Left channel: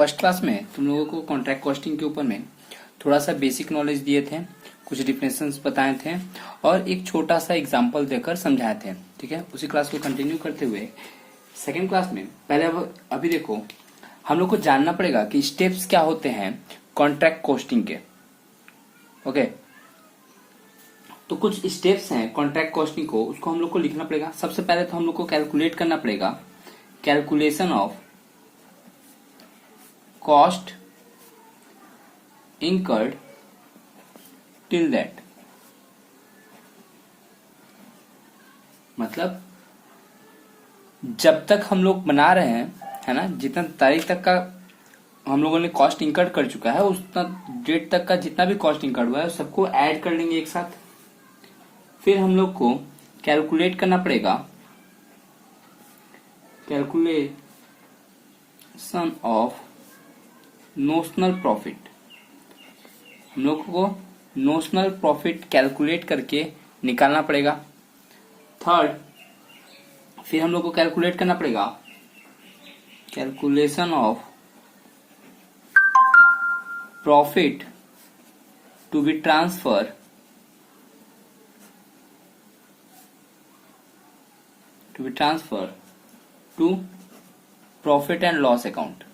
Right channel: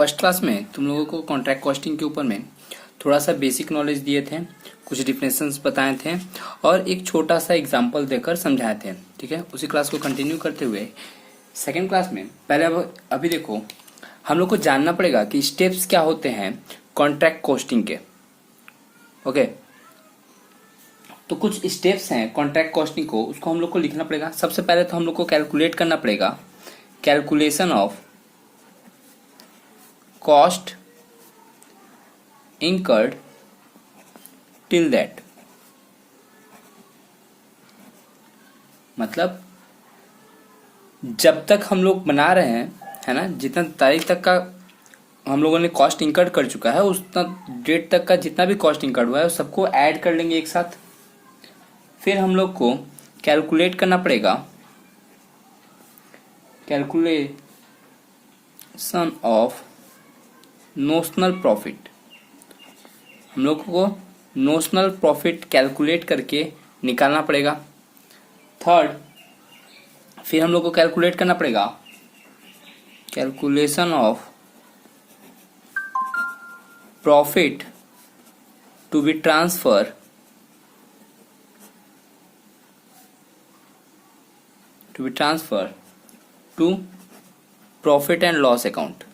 First class में तुम लोगों को कॉन्ट्रैक्ट कॉस्टिंग के ऊपर में थोड़ा सा बेसिक नॉलेज दिए थे, कुछ डिफिनेशंस बताए थे और एक छोटा सा एग्जांपल देकर समझाए थे। ठीक है, उसी क्लास को कंटिन्यू करते हुए सेकेंड क्लास में पहले अभी देखो, हम लोग को जानना पड़ेगा कि स्टेप्स क्या होते हैं कॉन्ट्रैक्ट कॉस्टिंग के। ओके, तो कुछ स्टेप्स हैं कॉन्ट्रैक्ट कॉस्टिंग को, उसको हम लोग को लिखना पड़ेगा। सबसे पहले तो हम लोग को कैलकुलेट करना पड़ेगा, calculation of cost incurred till that, मतलब जब तक हम लोग बना रहे हैं, है ना, जितना तारीख तक का हम लोगों ने कॉस्ट इंकर्ड कर चुका है, उतना डेट तक का जितना भी कॉस्ट इंकर्ड हुआ है उस सबको ऐड कर लेंगे एक साथ। फिर हम लोग को कैलकुलेट करना पड़ेगा कैलकुलेशन ऑफ नोशनल प्रॉफिट। हम लोग को नोशनल प्रॉफिट कैलकुलेट करके निकालना पड़ेगा। थर्ड, फिर हम लोग को कैलकुलेट करना पड़ेगा calculation of profit to be transfer to profit and loss account.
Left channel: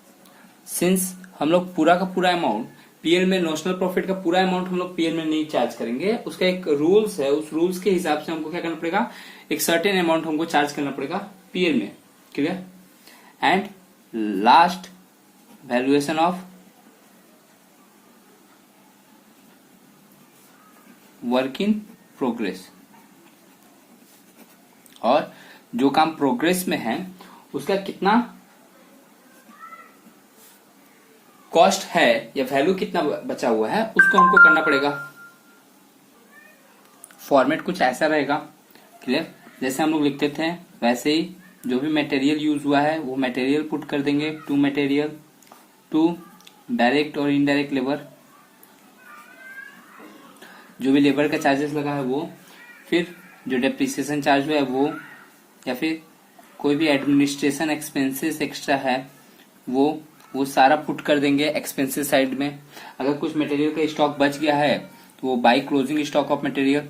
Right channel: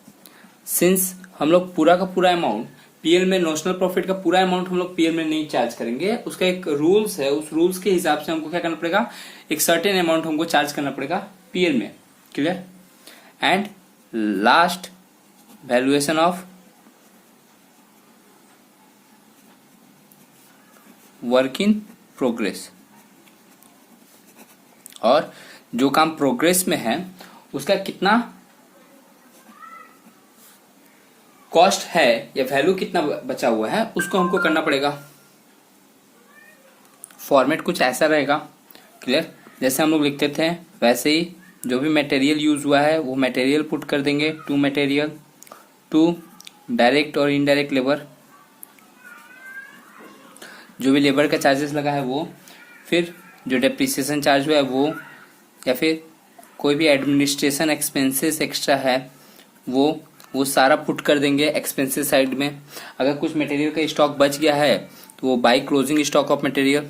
Since हम लोग पूरा का पूरा अमाउंट पीएल में, नोशनल प्रॉफिट का पूरा अमाउंट हम लोग पीएल में नहीं चार्ज करेंगे, उसका एक रूल्स है, उस रूल्स के हिसाब से हमको क्या करना पड़ेगा, एक सर्टेन अमाउंट हमको चार्ज करना पड़ेगा पीएल में। Clear? And last, valuation of work in progress, और जो काम प्रोग्रेस में है उसका कितना कॉस्ट है या वैल्यू कितना बचा हुआ है उसको हमको करना पड़ेगा। फॉर्मेट कुछ ऐसा रहेगा। क्लियर? जैसे हम लोग लिखते थे वैसे ही जो भी मटेरियल यूज हुआ है वो मटेरियल पुट कर देंगे, टू मटेरियल, टू डायरेक्ट और इनडायरेक्ट लेबर, जो भी लेबर का चार्जेस लगा है वो, फिर जो डेप्रिसिएशन चार्ज हुआ है वो, या फिर कोई भी एडमिनिस्ट्रेशन एक्सपेंसेस एक्स्ट्रा है वो सारा पुट कर देंगे एक्सपेंसेस साइड में। अगर कुछ मटेरियल का स्टॉक बच गया है तो वो by closing stock of material.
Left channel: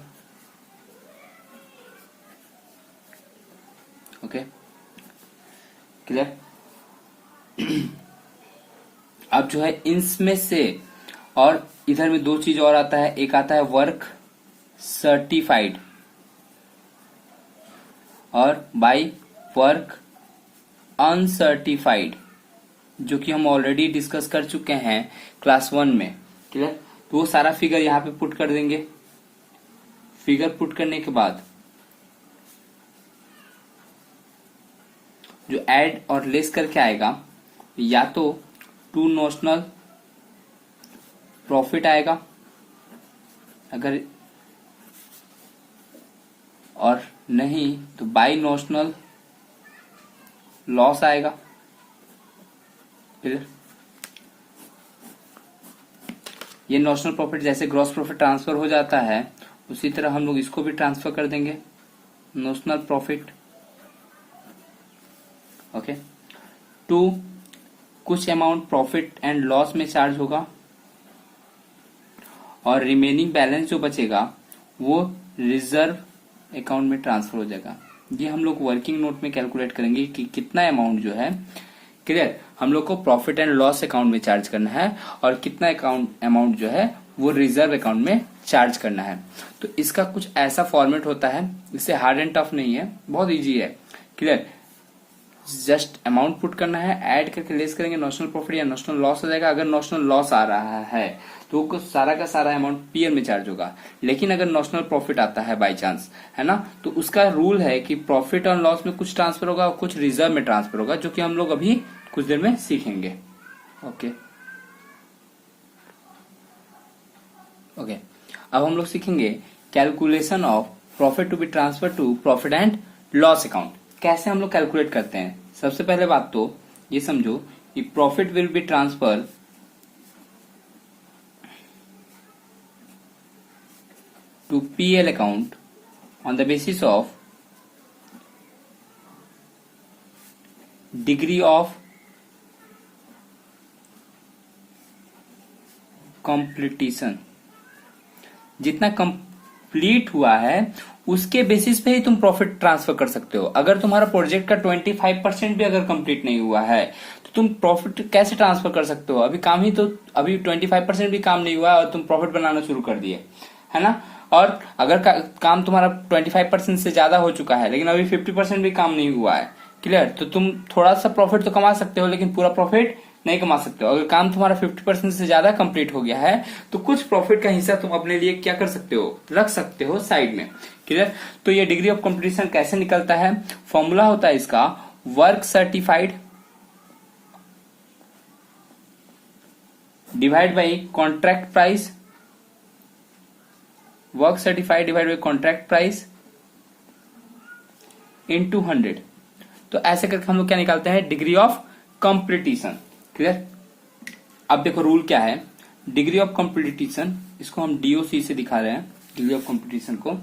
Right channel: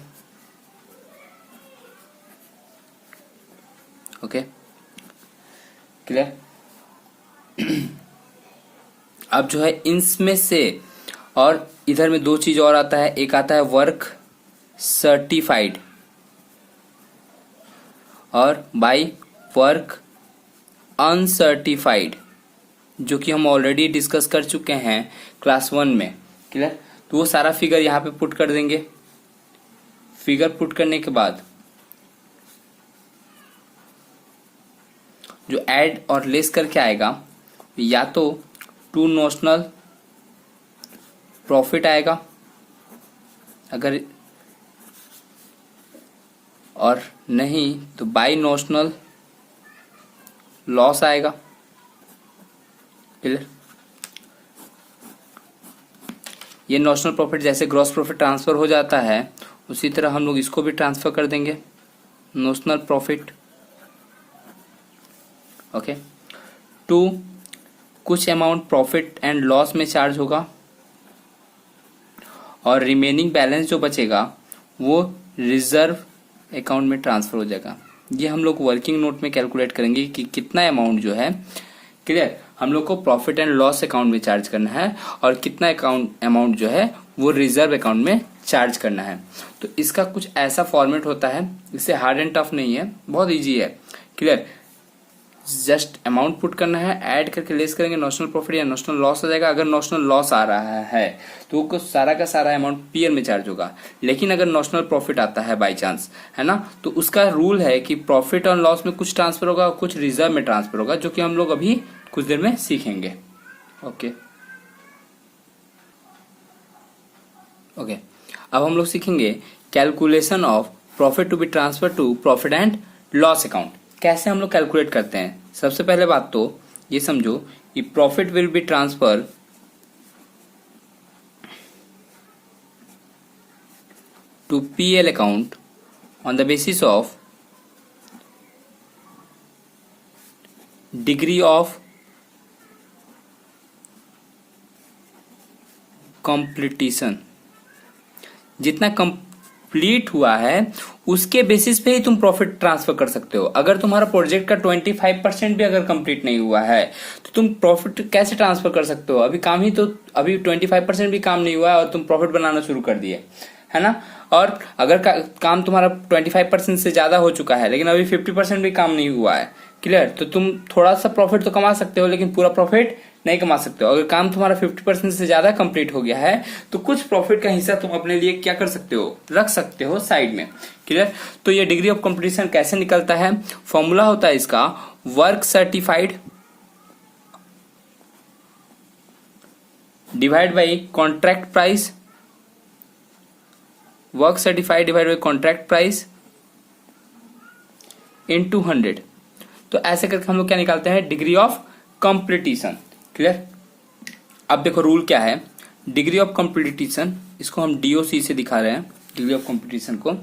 Okay, clear? अब जो है इनमें से, और इधर में दो चीज और आता है, एक आता है वर्क सर्टिफाइड और बाय वर्क अनसर्टिफाइड, जो कि हम ऑलरेडी डिस्कस कर चुके हैं क्लास 1 में। क्लियर? तो वो सारा फिगर यहाँ पे पुट कर देंगे। फिगर पुट करने के बाद जो ऐड और लेस करके आएगा, या तो टू नोशनल प्रॉफिट आएगा अगर, और नहीं तो बाय नोशनल लॉस आएगा। क्लियर? ये नोशनल प्रॉफिट जैसे ग्रॉस प्रॉफिट ट्रांसफर हो जाता है उसी तरह हम लोग इसको भी ट्रांसफर कर देंगे, नोशनल प्रॉफिट। ओके, टू कुछ अमाउंट प्रॉफिट एंड लॉस में चार्ज होगा और रिमेनिंग बैलेंस जो बचेगा वो रिजर्व अकाउंट में ट्रांसफर हो जाएगा। ये हम लोग वर्किंग नोट में कैलकुलेट करेंगे कि कितना अमाउंट जो है, क्लियर, हम लोग को प्रॉफिट एंड लॉस अकाउंट में चार्ज करना है और कितना अमाउंट जो है वो रिजर्व अकाउंट में चार्ज करना है। तो इसका कुछ ऐसा फॉर्मेट होता है, इससे हार्ड एंड टफ नहीं है, बहुत इजी है। क्लियर? जस्ट अमाउंट पुट करना है, ऐड करके लेस करेंगे, नोशनल प्रॉफिट या नोशनल लॉस आ जाएगा। अगर नोशनल लॉस आ रहा है तो सारा का सारा अमाउंट पीएल में चार्ज होगा, लेकिन अगर नोशनल प्रॉफिट आता है बाय चांस, है ना, तो उसका रूल है कि प्रॉफिट और लॉस में कुछ ट्रांसफर होगा और कुछ रिजर्व में ट्रांसफर होगा, जो कि हम लोग अभी कुछ देर में सीखेंगे। ओके, अब हम लोग सीखेंगे calculation of profit to be transfer to profit and loss account. कैसे हम लोग कैलकुलेट करते हैं? सबसे पहले बात तो ये समझो कि profit will be transfer to PL account on the basis of degree of completion, जितना कंप्लीट हुआ है उसके बेसिस पे ही तुम प्रॉफिट ट्रांसफर कर सकते हो। अगर तुम्हारा प्रोजेक्ट का 25% भी अगर कंप्लीट नहीं हुआ है तो तुम प्रॉफिट कैसे ट्रांसफर कर सकते हो? अभी 25% भी काम नहीं हुआ है और तुम प्रॉफिट बनाना शुरू कर दिए, है ना। और अगर काम तुम्हारा 25% से ज्यादा हो चुका है लेकिन अभी 50% भी काम नहीं हुआ है, क्लियर, तो तुम थोड़ा सा प्रॉफिट तो कमा सकते हो लेकिन पूरा प्रॉफिट नहीं कमा सकते हो। अगर काम तुम्हारा 50% से ज्यादा कंप्लीट हो गया है तो कुछ प्रॉफिट का हिस्सा तुम अपने लिए क्या कर सकते हो, रख सकते हो साइड में, क्लियर। तो ये डिग्री ऑफ कंप्लीशन कैसे निकलता है? फॉर्मूला होता है इसका work certified divide by contract price, work certified divide by contract price into 100। तो ऐसे करके हम लोग क्या निकालते हैं? Degree of completion, clear. अब देखो रूल क्या है, डिग्री ऑफ कंप्लीटिशन, इसको हम डीओसी से दिखा रहे हैं डिग्री ऑफ कंप्लीटिशन को,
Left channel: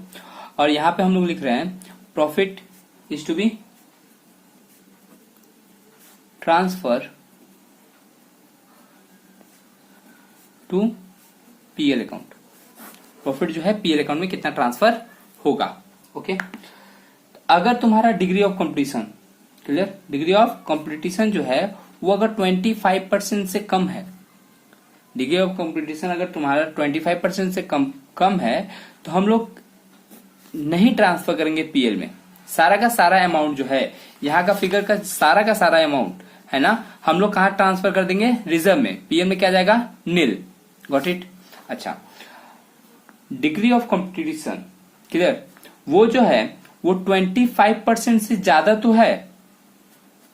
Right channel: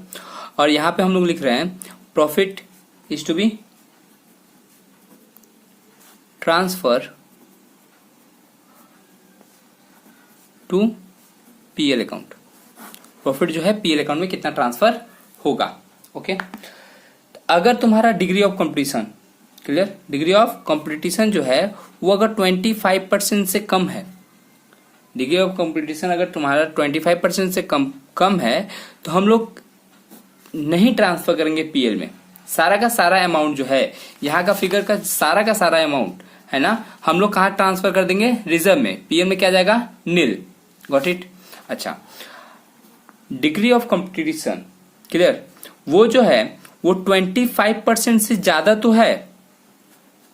और यहां पे हम लोग लिख रहे हैं profit is to be transfer to PL account. Profit जो है पीएल अकाउंट में कितना ट्रांसफर होगा, ओके। अगर तुम्हारा degree of completion, clear, degree of completion जो है वो अगर 25% से कम है, डिग्री ऑफ कंप्लीटिशन अगर तुम्हारा 25% से कम है तो हम लोग नहीं ट्रांसफर करेंगे पीएल में। सारा का सारा अमाउंट जो है, यहाँ का फिगर का सारा अमाउंट है ना, हम लोग कहाँ ट्रांसफर कर देंगे? रिजर्व में। पीएल में क्या जाएगा? नील। Got it. अच्छा, डिग्री ऑफ कंप्लीटिशन, क्लियर, वो जो है वो 25% से ज्यादा तो है,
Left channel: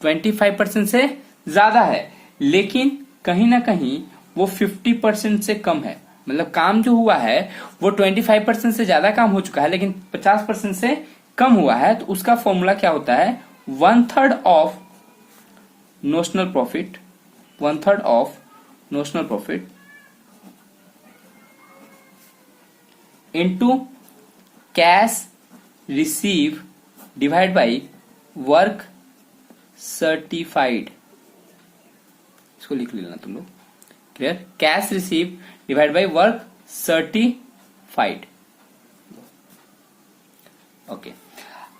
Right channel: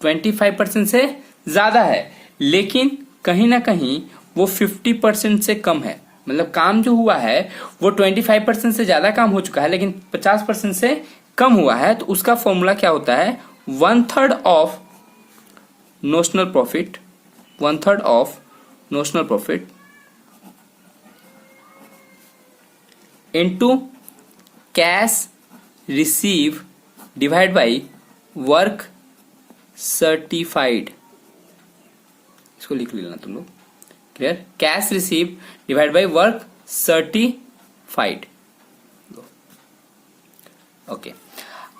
25% से ज्यादा है, लेकिन कहीं ना कहीं वो 50% से कम है। मतलब काम जो हुआ है वो 25% से ज्यादा काम हो चुका है लेकिन 50% से कम हुआ है, तो उसका फॉर्मूला क्या होता है? 1/3 of notional profit, 1/3 of notional profit into cash receive divide by work certified. इसको लिख लेना तुम लोग, clear. Cash receive divide by work certified, okay.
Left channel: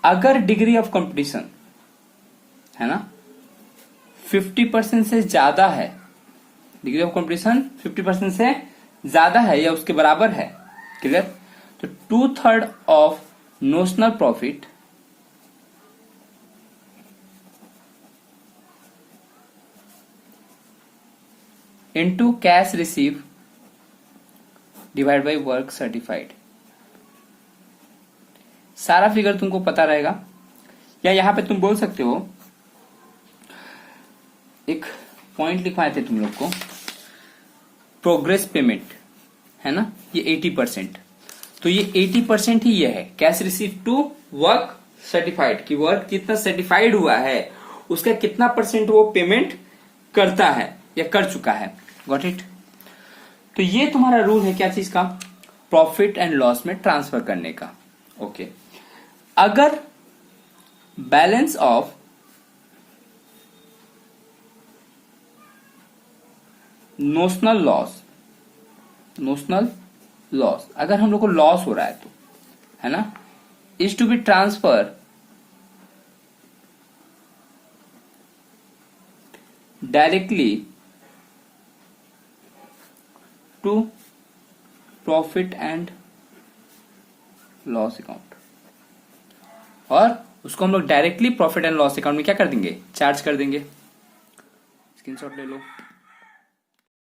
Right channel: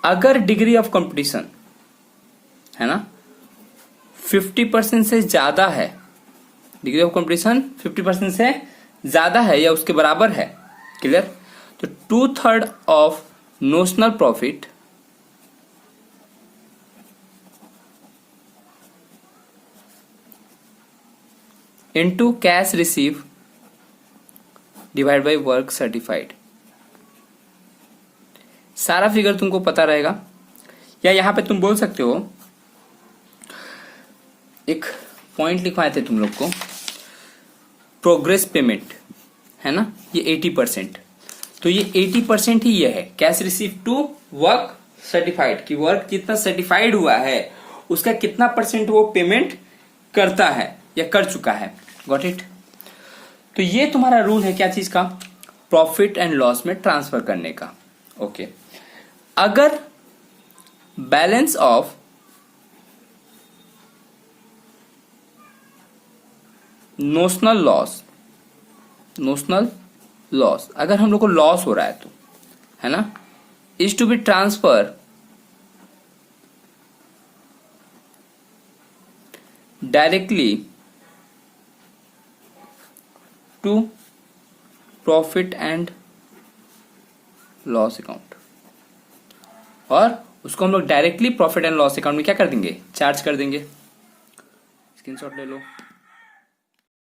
अगर डिग्री ऑफ कंपटीशन है ना 50% से ज्यादा है, डिग्री ऑफ कंपटीशन 50% से ज्यादा है या उसके बराबर है, क्लियर, तो 2/3 of notional profit into cash receive divide by work certified. सारा फिगर तुमको पता रहेगा, या यहां पे तुम बोल सकते हो, एक पॉइंट लिखवाए थे तुम लोग को, प्रोग्रेस पेमेंट है ना, ये 80%, तो ये 80% ही ये है cash receive to work certified, कि वर्क कितना सर्टिफाइड हुआ है उसका कितना परसेंट वो पेमेंट करता है या कर चुका है। Got it. तो ये तुम्हारा रूल है क्या चीज का? प्रॉफिट एंड लॉस में ट्रांसफर करने का, ओके। अगर बैलेंस ऑफ नोशनल लॉस, अगर हम लोग को लॉस हो रहा है तो, है ना, is to be transfer directly to profit and loss account, और उसको हम लोग directly profit and loss account में क्या कर देंगे? चार्ज कर देंगे। स्क्रीनशॉट ले लो।